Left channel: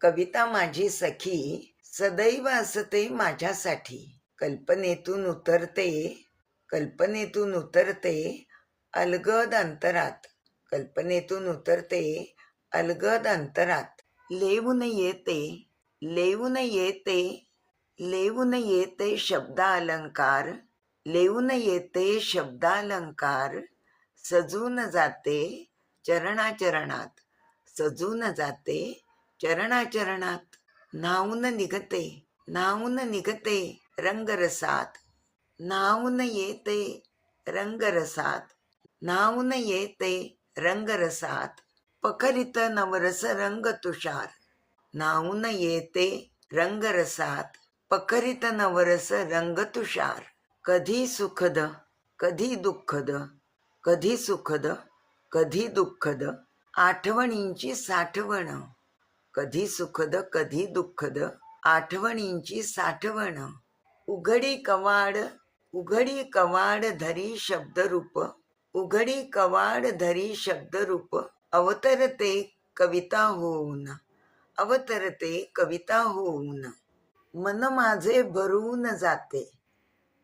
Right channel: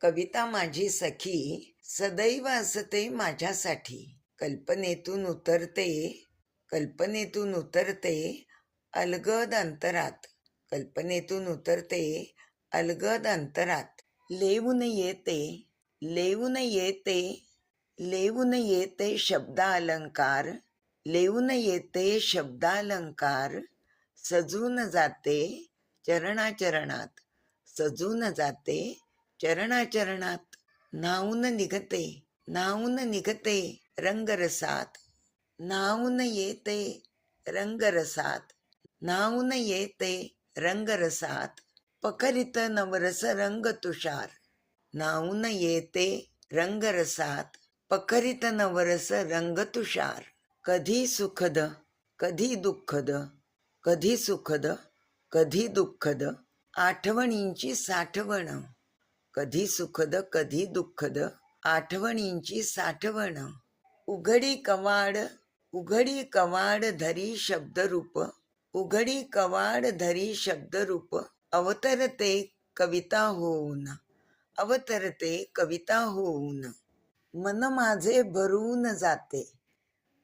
कविता माझी सखी सदैव असते माझ्यासाठी. कल्पनेतून उतरते कल्पनेतून उतरते अलगद अंतरात. कल्पनेतून उतरते अलगद अंतरात. लेवून येते लेवून येते लेवून येते शब्दालंकार. लेवून येते शब्दालंकार. सजून जाते चरणाचरणात. सजून जाते चरणाचरणात नाऊन निघते नाऊन निघते रंगरसात. नाऊन येते रंगरसात नाऊन येते रंगरसात. पखरित नवरस रंग तुषार नाऊन येते रंगरसात. पखरित नवरस रंग तुषार कधी सुखद कधी दुःखद कधी सुखद कधी दुःखद. आठवणींची साठवण. कधी सुखद कधी दुःखद आठवणींची साठवण. उघडी कवाड उघडी कवाड धरी शब्दरूप उघडी कवाड धरी शब्दरूप अवतरते कविता होऊन अवतरते कविता होऊन. मन माझे भरून जाते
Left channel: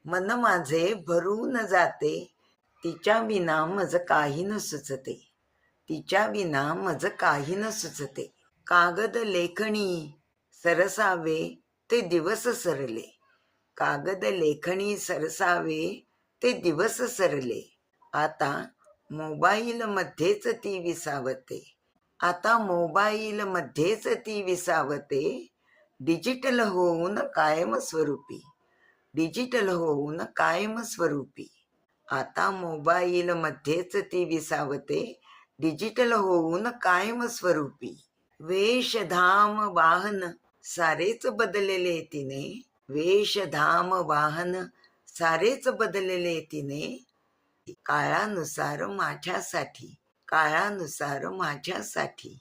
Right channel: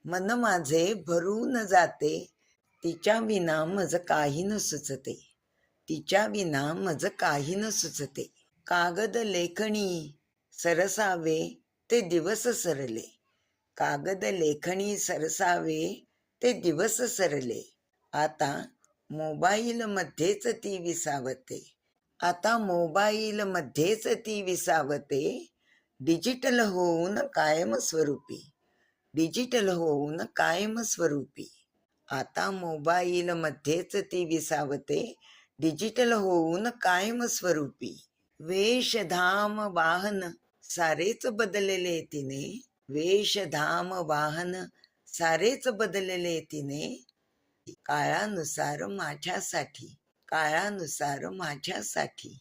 मन माझे भरून जाते तिच्या विना मज काही न सुचते तिच्या विना मज काही न सुचते. कागद लेखणी सरसावे ते दिवस सरले. कागद लेखणी सरसावे ते दिवस सरले. आता मोबाईलमध्येच ती विसावते. आता मोबाईलमध्येच ती विसावते. डिजिटल होऊन कायम स्वरूपी. डिजिटल होऊन कायम स्वरूपी. आता मोबाईलमध्येच ती विसावते. डिजिटल होऊन कायम स्वरूपी. वेशधाम वाहन सारेच बदलले तिने. वेशधाम वाहन सारेच बदलले तिने. काळानुसार माझ्यासाठी काळानुसार माझ्यासाठी.